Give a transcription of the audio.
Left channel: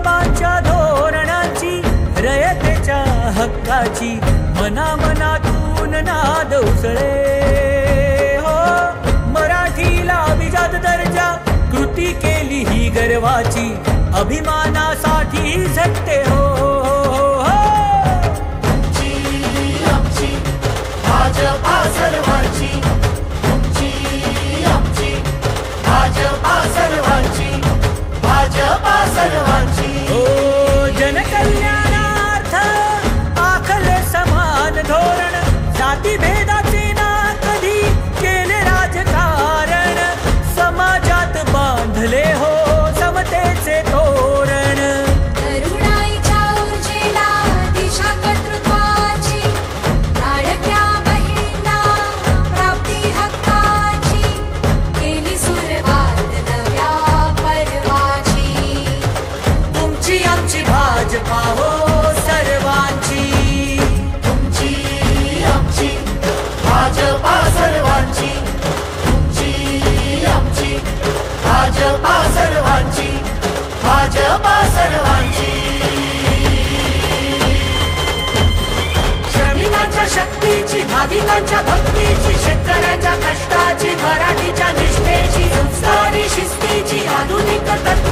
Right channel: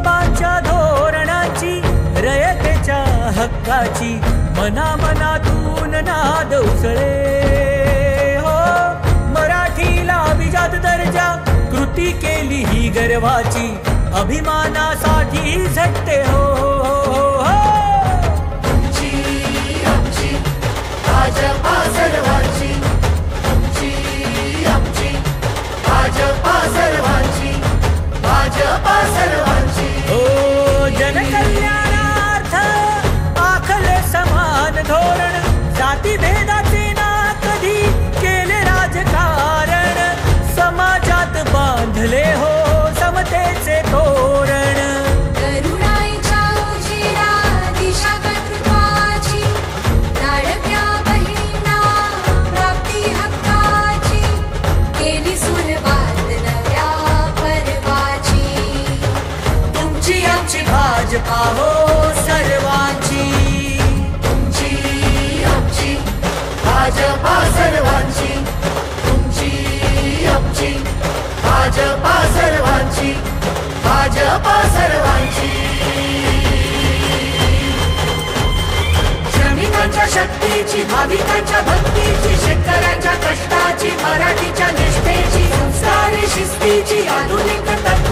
गोरगरिबांच्या धोरणांची, रयतेच्या हक्काची मनामनातून नाद उसळे हो. मराठीला अभिजात दर्जा कृती केली ही गर्वाची, अभिमानासाठी झटते हो, हो, हो. जनकल्याणार्थ आखले समान धोरण, जाती भेदाचे ना कधी केले राजकारण, समाजात बांधले हो समतेचे तोरण. भाजपा हो सर्वांची, तुमची आमची भाजपा सर्वांची, तुमची आमची भाजपा सर्वांची, भाजपा सर्वांची. श्रमिकांच्या शक्तीची, भाविकांच्या भक्तीची, शेतकऱ्यांच्या कष्टाची, मराठीच्या निष्ठेची, संस्कारी शिस्तीची, आधुनिक तत्व